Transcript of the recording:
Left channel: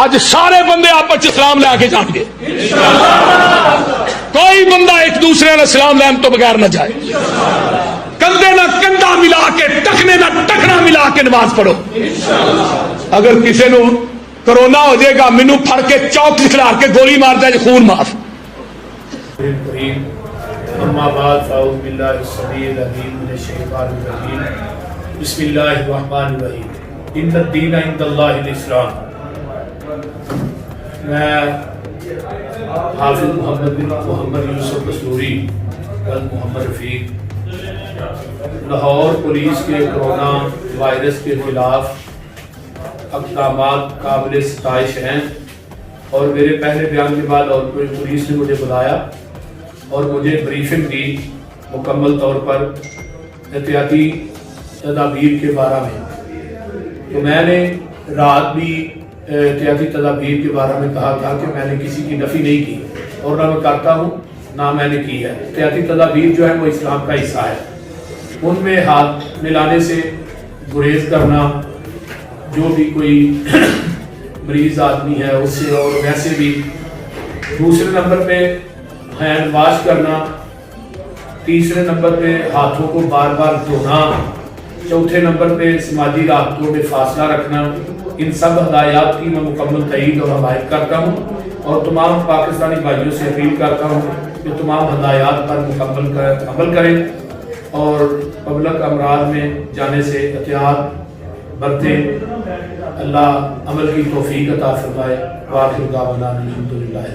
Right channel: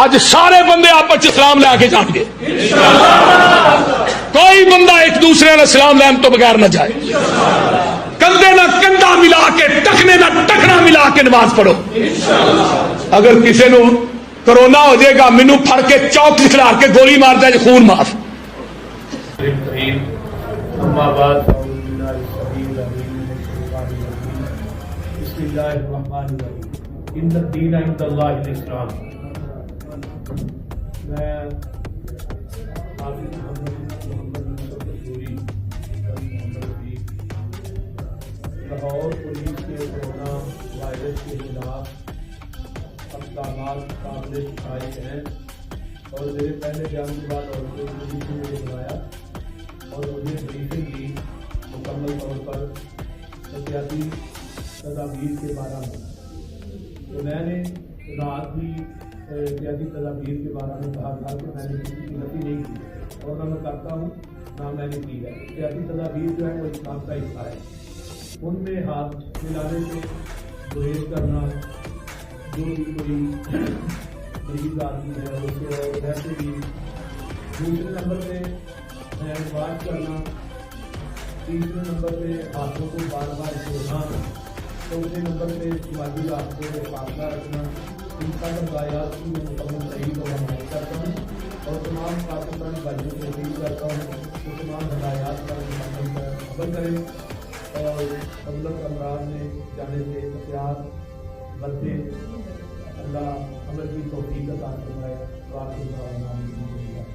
اج سارے بندے آپس سلام لے کے جان گے، کوئی بندہ ایک دوسرے نے سلام لین تو بغیر نہ جائے، کندھے نہ کندھا ملا کے ٹکنے نہ ٹکنا ملا کے نماز پڑھو۔ اگر کسی نو کرونا ہو جائے گا، مینو پھڑ کے چوک کھلار کے گولی مار دے، خون معاف۔ اما بعد فاعوذ باللہ السمیع العلیم من الشیطان الرجیم، بسم اللہ الرحمن الرحیم، ان الدین عند اللہ الاسلام۔ میں حافظ محمد بن محمد یوسف قصوری محمد رفیق لاہور پولیس کے کرونا وائرس کے خلاف اقدامات قابل ستائش ہیں، اور میرے پہلے بیان کے بعد اور پولیس نے مجھے بلایا اور مجھے بریفنگ دی مکمل طور پر احتیاطی تدابیر کے بارے میں۔ تو میں نے رات بھی احتیاطی تدابیر کے بارے میں کہا تھا کہ میں نے کسی کی نفی نہیں کی، اور نہ میں کرتا ہوں نہ میں نے کی ہے۔ احتیاطی تدابیر جو ہے وہ اسلام کا حصہ ہے، ان میں ہاتھ ملانے سے گریز کرنا، جو بھی کوئی مریض آدمی ہے اس سے، اور ویسے بھی دوسرے نمبر پہ ہینڈ واش کرنا، تیسرے نمبر پہ ہاتھوں کو بار بار دھونا، چوتھے نمبر پہ سماجی رابطوں میں فاصلہ رکھنا، ان سب ہدایات کی میں مکمل تائید اور حمایت کرتا ہوں، اور تمام پاکستانی بھائیوں سے اپیل کرتا ہوں کہ تمام ہدایات پر مکمل عمل کریں اور پبلک امراض میں جانے سے احتیاط برتیں۔ اللہ عمل کی توفیق عطا فرمائے۔ وآخر دعوانا الحمدللہ۔